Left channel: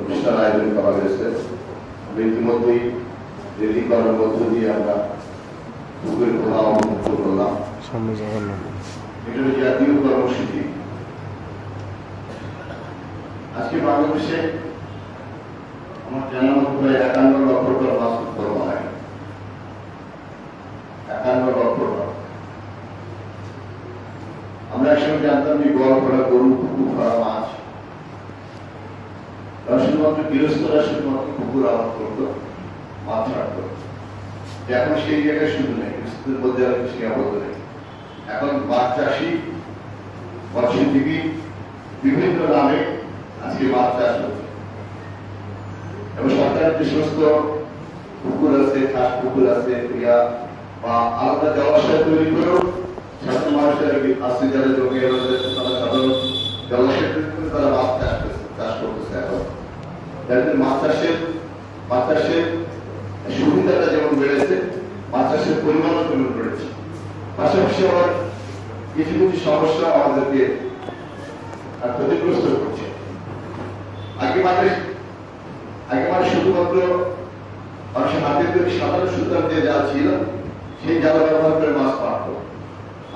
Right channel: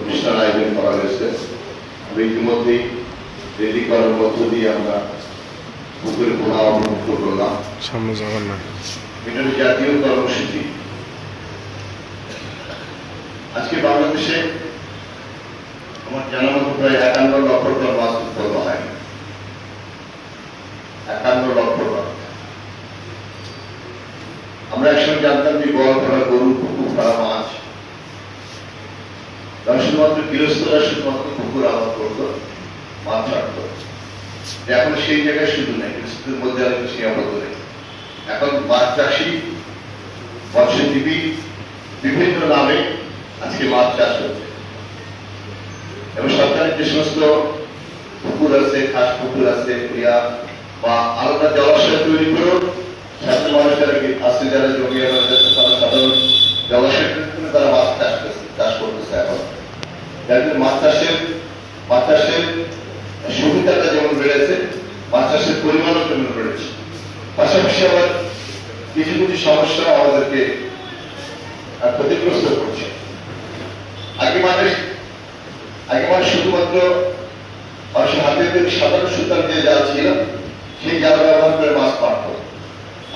অনুষ্ঠান আয়োজন করা হয়েছে। ইতিমধ্যেই রেডি করার মধ্য দিয়ে আমরা পুকুরের খোলা অবমুক্ত করলাম। সামনে যাবেন না, এটা জাতীয় কর্মসূচি। আজকে বাংলাদেশে আমার জানা মতো প্রায় 51 লক্ষ টন মাছ উৎপাদন হয়। 51 লক্ষ টন। আমরা একসময় জানতাম যে গড় ধরা গরু, পুকুর ধরা মাছ শুধুমাত্র গৃহস্থরা শুধুমাত্র পুকুর আবাদ করতো, মাছ ছাড়তো। এখন সেই জায়গায় শুধু নেই, গৃহস্থদের মধ্যে আর কিছু আবদ্ধ নেই। এখন মাছ চাষি, মৎস্যজীবী বিভিন্ন নামে আজকে মাছ চাষ হচ্ছে এবং সরকারের যে সমস্ত পুকুর আছে, খাস পুকুর আছে, ক্রিয়া বা আলাদা জলাশয় তৈরি করেও সাধারণ মানুষের আছে যারা জমি তারা সাধারণ জলাশয় তৈরি করে তারা মাছ চাষ করতেছে। এখন যাদের মাছ চাষের সুবিধাটা যেমন বেড়েছে, মাছ চাষের পরিমাণও যেমন বেড়েছে। পাশাপাশি আবার কিছু কিছু সমস্যা আমাদেরকে ক্ষতিগ্রস্ত করছে। আগে মানুষ শুধুমাত্র মানুষের হাতে তৈরি সাধারণ সুতার যে জাল ছিল সেই জাল ব্যবহার করে মাছ মারত।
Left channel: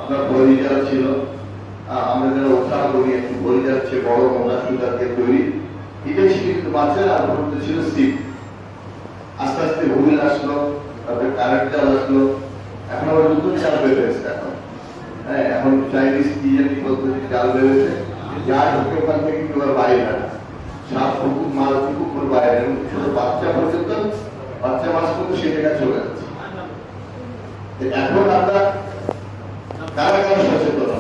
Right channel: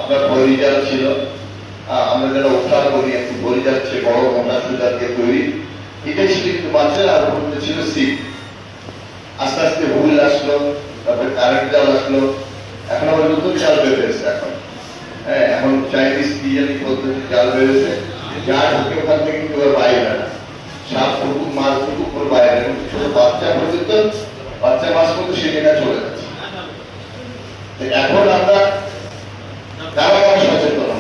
আপনার বড়ি জাল ছিল, আমরা যারা উঠান করি একটু বড়ি যাচ্ছে বড় মোটা সুতার দিয়ে তৈরি, এটাই ছিল। কিন্তু মাছের আর ছিল সিপ। আস্তে আস্তে হুইল আসলো, তারপরে কারেন্ট জাল আসলো, এখন আবার নতুন জাল বের হয়েছে। এখন চাইনিজ পদ্ধতি জাল বেরোছে, যা ঢুকে ওখান থেকে কিন্তু বাইরে না, সাত ফুটুক মাছ ফুটুক করে বাইরে ছোট বাচ্চা পর্যন্ত, বাচ্চা মাছ কিন্তু সে জায়গায় চলে যাচ্ছে। এখন আমরা কারা কারা সচেতন,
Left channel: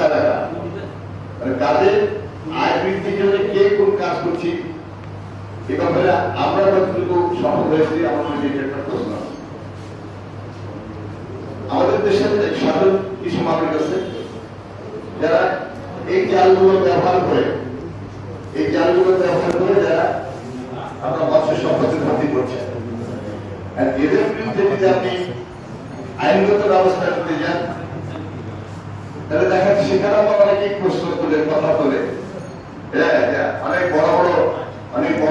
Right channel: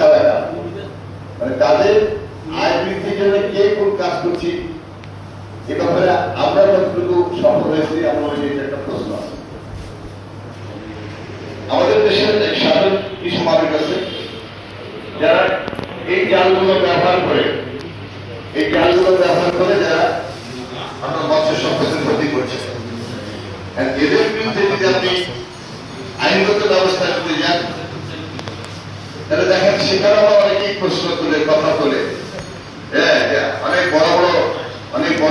কারা মানে কাজের আয় বৃদ্ধির জন্য কে কোন কাজ করছি এ ব্যাপারে আমরা যতটুকু সফল হয়েছি আমার একটা প্রশ্ন আছে। আমাদের দেশের সাধারণ কিছু মানুষ আছে যারা এই জালগুলো ব্যবহার করে যারা আপনার মৎস্য সম্পদের ক্ষতি করছে। এদের বিরুদ্ধে যদি আপনি আইনগত ব্যবস্থা করতে যান, তাহলে দেখেন সেখানে আমার অনেকেই প্রশ্ন তুলে, কথা তোলে, অনেক বড়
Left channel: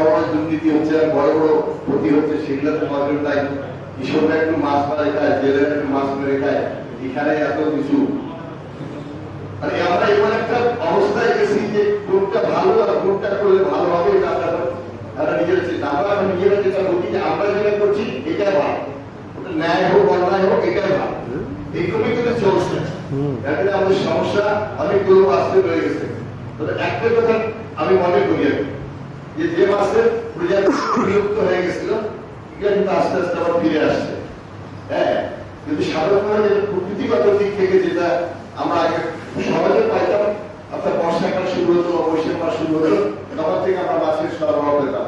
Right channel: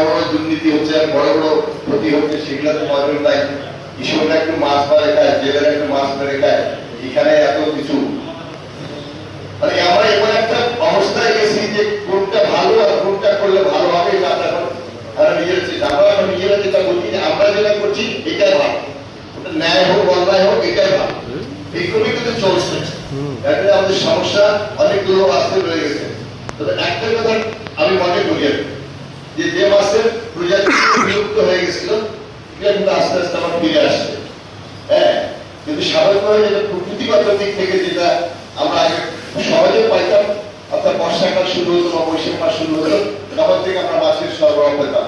বড় দুর্নীতি হচ্ছে, বড় বড় ক্ষতি হচ্ছে, সেগুলো তো মজুর তাই কৃষকরা একটু মাছ মারে খায়, জেলেরা একটু মাছ মেরে খায়, এখানে এত কিছু। মানে আমরা এবার একটা অবস্থায় গেছি যে কোনটা ভালো আর কোনটা করলে ভালো হবে এটা তারা নিজেরা যেটা বলছি আমরা যেটা করছি এটাই ভালো, ন্যায় হোক অন্যায় হোক এটাই ভালো, এইগুলো কিন্তু চলছে। আমাদের সমস্যা অনেকগুলো আসতে রয়ে গেছে। তবে একটা কথা আমি মনে করি যে মাছের প্রজাতি বিলুপ্ত হয়ে গেছিল এটা কিন্তু আস্তে আস্তে আবার ফিরে আসছে। কিন্তু সাধারণভাবে যেটা প্রকৃতিগত দিক থেকে যেটা আমরা আগে সহজে পাইতাম, অর্থাৎ বর্ষাকাল শুরু হলো বা বৈশাখ মাস শুরু হলো, তখন থেকে আমরা মাছের সরবরাহ পেতাম।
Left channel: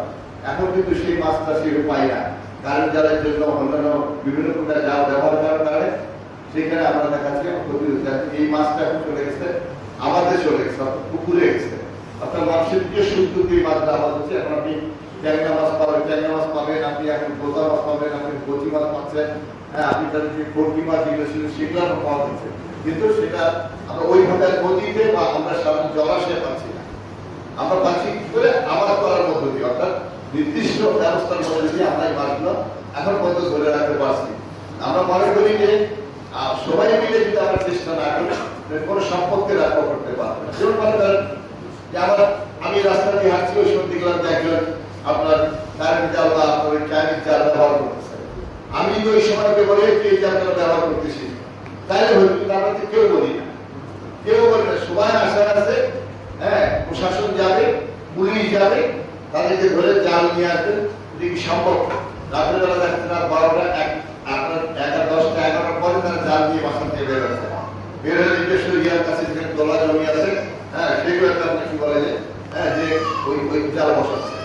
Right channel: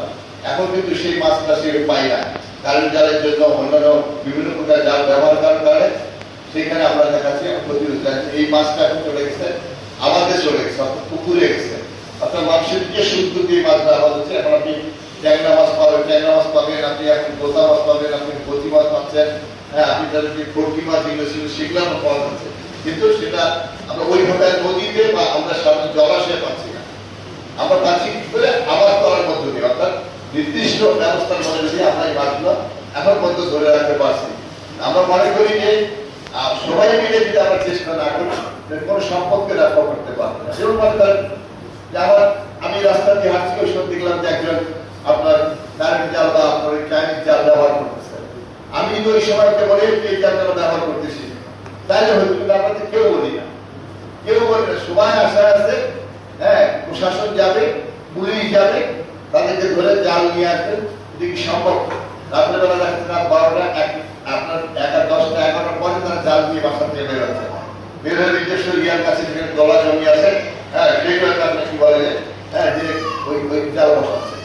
এখন কিন্তু সেই মাছটা সে পাই না, কারেন্ট জালের জন্য অন্যান্য বিভিন্ন প্রকার জাল ব্যবহার করার কারণে সেখানে আমরা দেখাচ্ছি ক্ষতি হচ্ছে। এই মাছটা এখন চলে গেছে আমাদের, চলে গেছে অর্থাৎ পুকুরে গেছে, অর্থাৎ মানুষের যে শুদ্ধ দিয়ে মাছ দেওয়া হচ্ছে। এখন আপনি ট্যাংরা মাছ পাবেন, আপনি এখন পোতা মাছ পাবেন, আপনি কচি মাছ পাচ্ছেন, আপনি তাদেরকে কর্কি মাছ যেগুলো ছিল সেগুলো আমরা পাওয়া যাচ্ছে, কিন্তু সেটা আমরা ওইভাবে নদীতে বা আমরা সাধারণ জলাশয়ে পাচ্ছি না। আমরা পাচ্ছি কি করে? আবাদ করার মধ্য দিয়ে, অর্থাৎ নির্দিষ্ট ব্যবস্থার মধ্যে দিয়ে আমরা এই মাছগুলো এখন পর্যন্ত ধরে রাখতে পারছি। আমরা মনে করি যে সবাই মিলে যদি আমরা চেষ্টা না করি কোনো সম্পদকে রক্ষা করতে পারবো না। যেমন মনে করেন যে আমি রাস্তা দিয়ে হাঁটছি, ওই সময় দেখলাম যে একজন আপনার কারেন্ট জাল বা আপনার চাইনিজ জাল ব্যবহার করতেছে। আমি কিন্তু ওই সময় বলে এই জালটা ব্যবহার করতেছি তাইলে হয়তো, কিন্তু আমরা কেউ বলি না, সবাই আশা আছে। প্রশাসন যাবে, পুলিশ যাবে, তাদেরকে ধরে জাল নিয়ে আসবে, দেখি সম্ভব। রাত্রেবেলা দেখেন রাত 12টা, আপনার 10টা 11টার পরে তারা জাল নিয়ে বাসা থেকে বের হচ্ছে, বের হয়ে নিজস্ব ইয়ার কাছে যেখানে দলা জমি আছে, সেইগুলো নাকি বলে যে ওই জাল বসাচ্ছে।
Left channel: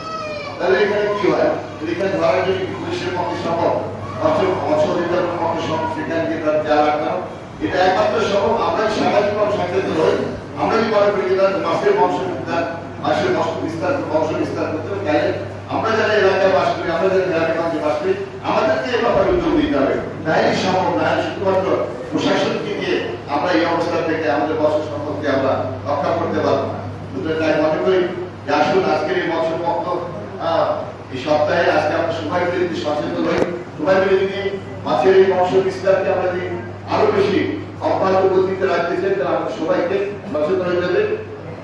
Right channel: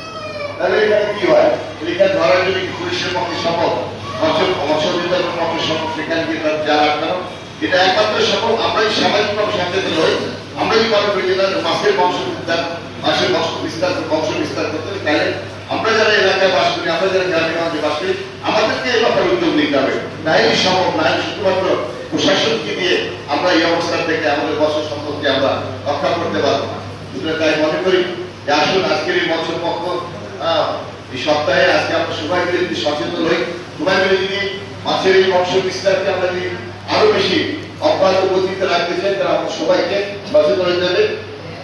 তাহলে এখানে কি হয়? এখানে ধরা যদি পুলিশের পক্ষে সম্ভব, মৎস্য বিভাগের পক্ষে সম্ভব, সেখানে জাল আটকানো, এটা একমাত্র সম্ভব আমরাই সামাজিকভাবে সচেতন হই। আমরাই মনে করি মাছের বংশ বিস্তার করতে হবে, তাহলে আমরা যারা এলাকায় বাস করি, আমরা যারা গ্রামে বাস করি, আমাদেরকে এই ব্যাপারে উদ্যোগ নিতে হবে। নাই সম্ভব নাই শুধুমাত্র প্রশাসনকে দিয়ে আমরা এই অবস্থা থেকে আমাদের বছর সম্পর্কে আমরা রক্ষা করতে পারবো না। তাই মনে করি এই সপ্তাহে আজকে আমরা সবাই মিলে যদি সচেতন হই, সবাই মিলে যদি মাছের এই বংশ বিস্তারকে আমরা যদি আরো বেশি অব্যাহত গতিতে রাখতে চাই, তাহলে আমরা সবাইকে সচেতন হতে হবে।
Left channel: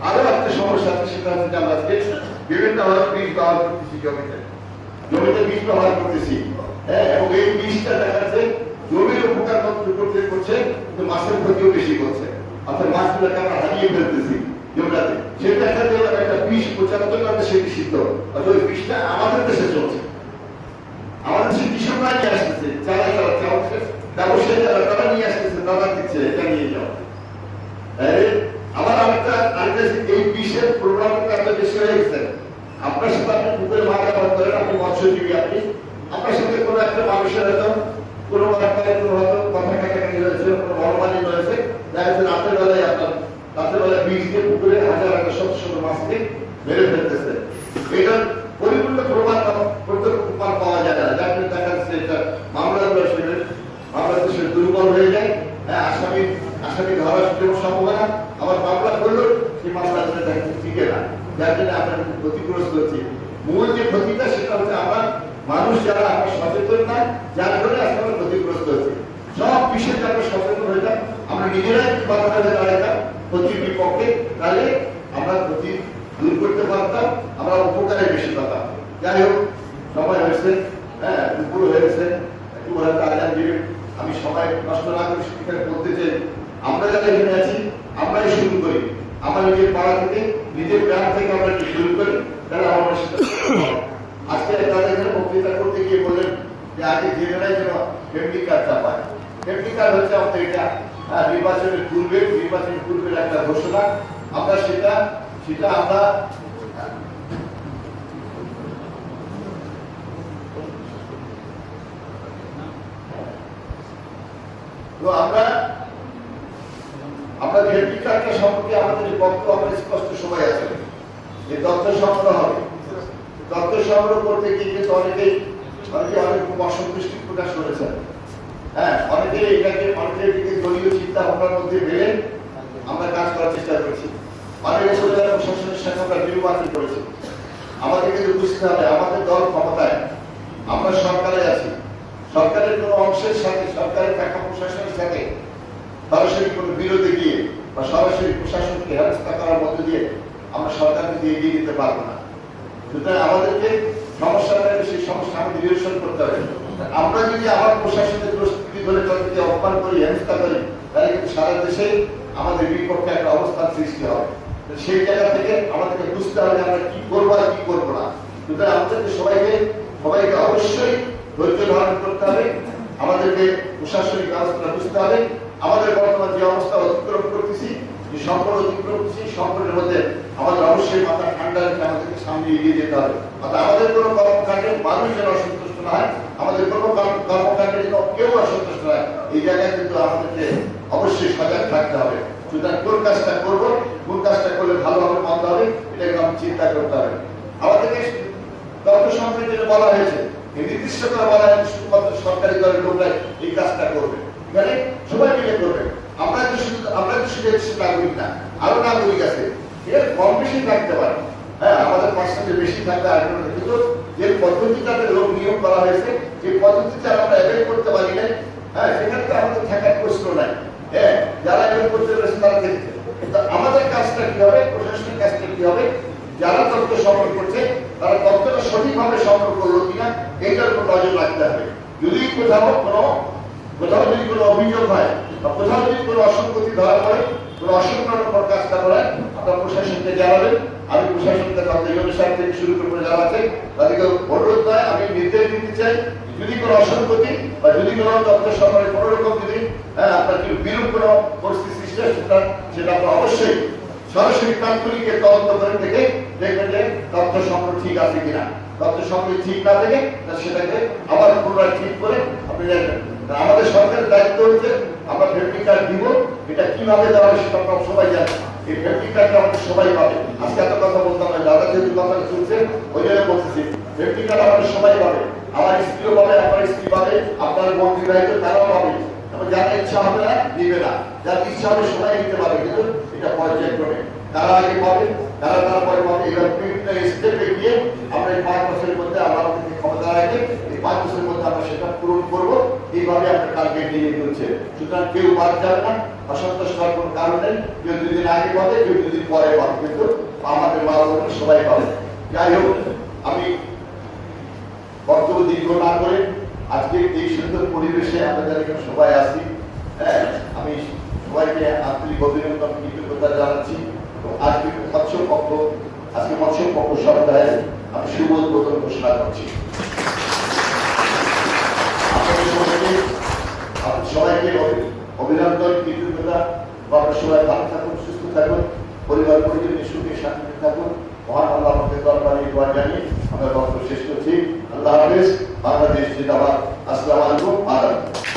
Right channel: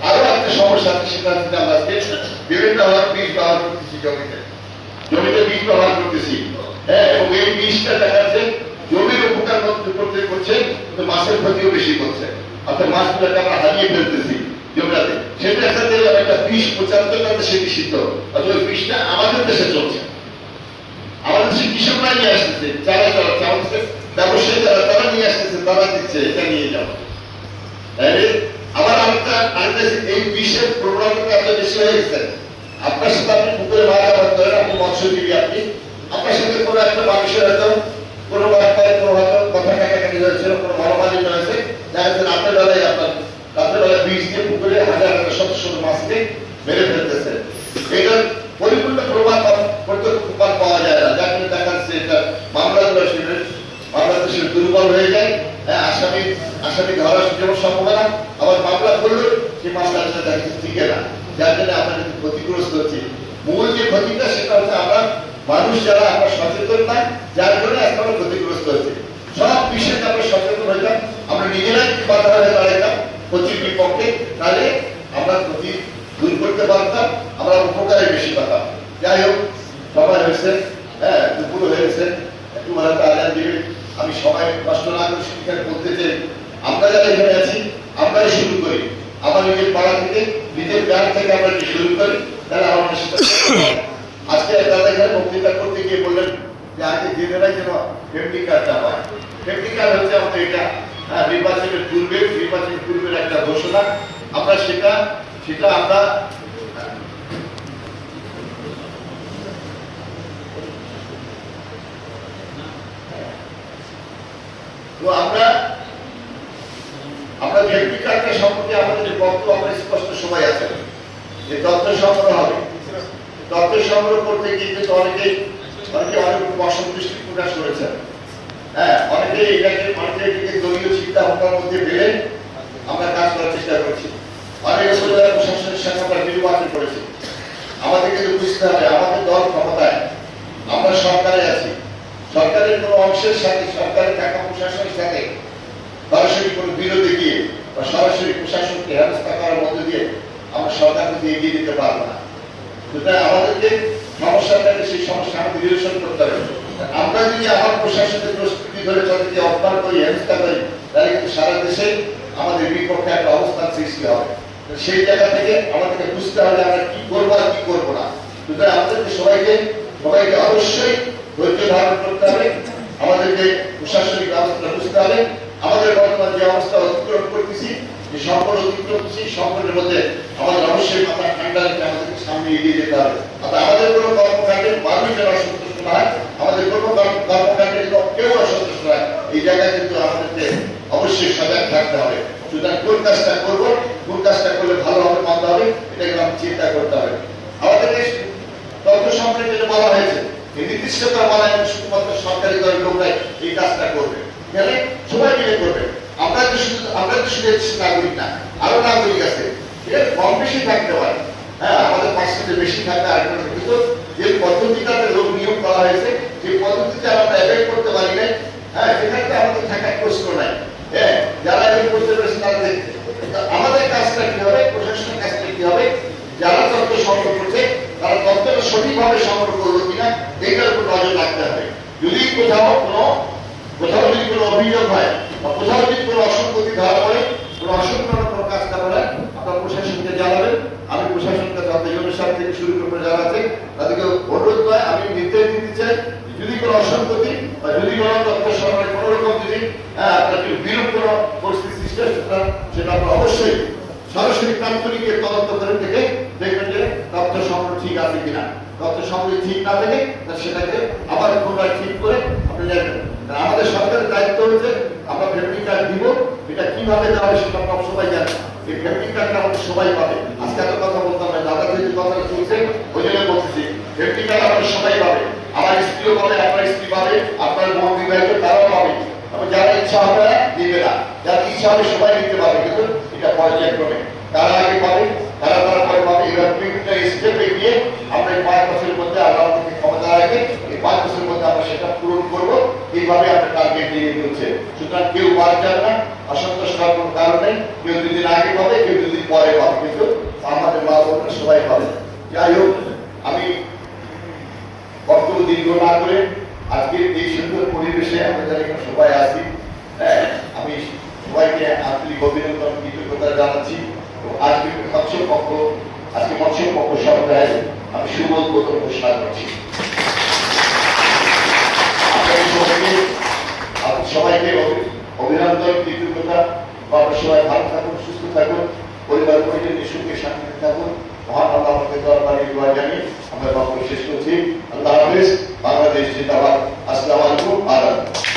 আরো একটা সমস্যা আছে, সেটা হচ্ছে আমরা আজকে বিভিন্ন ধরনের বীজ ব্যবহার করতেছি, জমিতে বীজ ব্যবহার করতেছি, হ্যাঁ, এবং এই বীজটা দেখা যাচ্ছে জমির উপকার করতে করছে, কিন্তু মাছের ক্ষতিও বেশি করছে। অর্থাৎ মাছগুলোকে আমরা হারিয়ে ফেলতেছি জমিটাতে। সেটা একটা বিষ প্রচারিত করতে সে নিষিদ্ধ, অর্থাৎ ওই বিষটা আমাদের দেশে চলছে, আমাদের দেশে কৃষকরা নিয়ে আসতেছে, যারা চালাচ্ছে আমাদের ব্যবসায়ী তারা নিয়ে আসতেছে, তারা দিচ্ছে, এটা নিয়ে যাও। আমার এই বিষের প্রবণতা এত বেশি হয়ে গেছে। আপনার সাথে আপনি পুকুরে মাছ আবাদ করেন, আপনি মৎস্যজীবী, আপনি আপনার সাথে কোনো একটা মানুষের হয়তো কোনো হয়তো কথা কাটাকাটি হয়েছিল, কোনো মনোমালিন্য হয়েছে, দেখা যাচ্ছে রাতের বেলায় আপনার রাতের বেলা বীজ দিয়ে পুকুরে হাজার হাজার শত শত মাছকে মেরে ফেলতেছে। এটার পরিপূর্ণ প্রমাণ পাওয়া যায় না, যার জন্য দেখা যাচ্ছে এটা মামলাগুলো দুর্বল হয়ে যায়। আসামি ধরার যেমন সম্ভাবনা, আবার মামলা করলেও সেই মামলাটা দেখা টিকে না, যার জন্য আমরা কিন্তু ক্ষতিগ্রস্ত হচ্ছি। মূল যে ক্ষতিটা সেটা হচ্ছে আমরা মানুষ যারা আমরা সচেতন না, যার জন্য আজকে আমরা ক্ষতিগ্রস্ত হচ্ছি। সব বিষয়ে আমরা সচেতন হইতাম, আমরা নিজেরাই বাধা হয়ে দাঁড়াইতাম ক্ষতির বিপক্ষে, তাহলে আমরা ক্ষতি দূর করতে পারতাম, আমরা উপকারে বেশি পাতাম। যাই হোক, সময় হয়েছে, হ্যাঁ, দুপুর হয়েছে, একটু ভালো আয়োজন দিবেন। আমি সময় নষ্ট না করে সেখানে বলতে চাই, আমরা যারা এখানে আছি আমরাই শুরু করি, আমার নিজের পাড়া থেকে, নিজের গ্রাম থেকে আমরা যদি শুরু করি, তাহলে আমরা সেটা আজকে দাদা এখানে বক্তৃতা করতে গিয়ে বললেন যে আগে জেনেরাই যেন ফ্যামিলি কার্ডটা পায়। ফ্যামিলি কার্ড হচ্ছে আমাদের এটা নির্বাচনের পূর্বের একটা ঘোষণা। আমরা সেটা আমরা তো আমরা ফ্যামিলি কার্ডটা সম্পর্কে আমাদের যে বক্তব্য আমরা স্পষ্ট সময় আছে যে তথ্য সংগ্রহ হবে। তথ্য সংগ্রহ করতে গিয়ে কিন্তু অনেকে অনেক অসন্তুষ্টি প্রকাশ করেছেন, হ্যাঁ, অনেকে এটাকে দলীয় চিন্তা ভাবনার মধ্যে ভেবে আমরা কাজ করার চেষ্টা করছি। অনেকে প্রশাসনের সাথে আমরা নির্বাচন করেছি। আমাদের কিন্তু বুঝতে হবে আমাদের দল ক্ষমতায়, আমরা সরকারে আছি, সরকারের কোনো অংশের সাথে, সরকারের টাকা প্রশাসনের সাথে সরাসরি কোনো বিরোধে গিয়ে বা সরাসরি প্রশাসনকে হেনস্থা করার মধ্যে দিয়ে আমরা সরকারকে এগিয়ে দিতে পারবো না। সুতরাং আমাদেরকে সমস্যাটাকে সেই সমস্যা আমাদের নিরসন করতে হবে। আমরা যদি আমার প্রশাসনের প্রস্তুতি ধরে তাদেরকে অপমান করি, হেনস্থা করি, তাহলে কিন্তু সারা দেশে আমাদের বিপক্ষে একটা অবস্থার সৃষ্টি হবে। সেই জায়গা থেকে আমাদেরকে বুঝতে হবে আমরা কি করবো আর কি করবো না। সুতরাং আমাদেরকে সবাইকে অবশ্যই ধৈর্য ধারণ করতে হবে, আমাদেরকে প্রশাসনিক ব্যবস্থা বুঝতে হবে। আমাদের বর্তমান যে অবস্থা অতিক্রম করতেছি, যে সংকট অতিক্রম করছি, সংকটের মধ্যে আমাদের অবশ্যই মাথা ঠান্ডা রেখে আমাদেরকে সামনে এগিয়ে যেতে হবে। অর্থাৎ আমাদের কোনো কর্মকাণ্ডে মানুষ যেন অসন্তুষ্ট না হয়, আমাদের কোনো কর্মকাণ্ডে যেন কেউ অসন্তুষ্ট হয়, এই জায়গায় কিন্তু আমাদেরকে অবশ্যই সজাগ থাকতে হবে। সুতরাং কোন কাজটা করবো, কোন কাজটা করলে ভালো হবে মন্দ হবে, এটা কিন্তু আমাদের চিন্তা করতে হবে। আমাদেরকে তথ্য সংগ্রহের জন্য বলা হয়েছে, নির্দিষ্ট করে বলা হয়েছে শুধুমাত্র সরকারি দলের লোকরাই এই কাজটা করবে, গেলে সবাই মিলে করবে। আমরা তো শুধু নাগরিক না, আরো নাগরিক আছে, এটা কম বেশি থাকতে পারে, হ্যাঁ, আমাদের পার্সেন্টেজ বেশি থাকতে আর কিন্তু যে পদ্ধতিটাতে লোক নিয়োগ করা হয়েছে, সেই পদ্ধতিতে আমরা অ্যাভয়েড করতে পারি না, হ্যাঁ, সেখানে তো আমাদের থাকার প্রশ্ন নাই, হ্যাঁ, যারা অ্যাভয়েড করতে পেরেছে তারা দেখছে। আমাদের কাজটা কি হবে, প্রশাসনের কাজটা কি হবে, যারা তথ্য সংগ্রহ করছে তারা তথ্যটা সঠিকভাবে সংগ্রহ করলো কিনা এইটার উপর নজর রাখতে হবে। যদি কোথাও যদি কোনো অভিযোগ হয় বা কোথাও যদি কোনো অসঙ্গতি ধরা পড়ে, কোনো অসংলগ্ন কাজ করা হয়, আপনারা প্রশাসনকে জানাবেন। আমি প্রশাসনকে তাদের সাথে থেকে শুরু করে যারাতে তাদেরকে অনুরোধ করে আমি নির্দেশ দিতে চাই, যদি কোনো অসঙ্গতি বা যদি কোনো তথ্য সংগ্রহে কোনো রকম যদি আপনার বিরূপ কোনো পরিস্থিতি সৃষ্টি হয়, সেটা আপনারা অবশ্যই সরাসরি তাৎক্ষণিক তদন্ত করে থেকে দেখবেন যে তথ্য সংগ্রহ ঠিক আছে কিনা। তথ্য সংগ্রহ ঠিক না থেকে সেটাকে আবার পুনরায় ঠিক করে আপনি দেখবেন। আমাদের সরকারের দায়িত্ব হচ্ছে আমরা ফ্যামিলি কার্ড দিব, এটা কিভাবে দেওয়া হয় সেটা আমরা সবাই জানি। এই ফ্যামিলি কার্ডটা আমাদের সবাই পাবে। আজকে এত কথা বলতাম না, দাদা যদি কথা চলছে ওই জন্য বলতেছি, ফ্যামিলি কার্ড আমাদের সবাই পাবে, আমার স্ত্রীও পাবে, আপনার স্ত্রী পাবে, আপনার বোন বিবাহিত তারাও পাবে। আমি যারা ইচ্ছা হবে না দিবে না, যার ইচ্ছা হবে সবাই নিতে পারবে, কিন্তু এটা পর্যায়ক্রমে তারা আগে পাবে, তারা তারপরে পাবে। এবার বিভিন্ন স্টেপে গিয়ে আমরা 5 বছরের মধ্যে আমরা করবো, এইভাবে আমরা টার্গেট নিয়ে চলছে। সুতরাং কেউ বাদ যান না, অসন্তোষ হওয়ার কোনো কারণ নেই। কেউ দুদিন আগে পাবে, কেউ দুদিন পরে পাবে, কিন্তু আমাদের মা বাবা সবাই পাবে। যাই হোক, আমি বক্তব্য দীর্ঘ না করে আজকে এই সুন্দর পরিবেশে আমাদের এখানে সবাই আছি, আমি সবাইকে আন্তরিক অভিনন্দন কৃতজ্ঞতা জানাচ্ছি। আজকে মৎস্য পক্ষ সভায় আমি শুভ উদ্বোধন ঘোষণা করছি। সবাইকে অভিনন্দন কৃতজ্ঞতা। আপনারা সবাই ভালো থাকুন, সুস্থ থাকুন, পরিবার পরিজন সুখে শান্তিতে থাকুন। মহান আল্লাহ আমাদের দরবারে দোয়া জানিয়ে আমরা বক্তব্য শেষ করছি। আল্লাহ হাফেজ। বাংলাদেশ জিন্দাবাদ। আসসালামু আলাইকুম।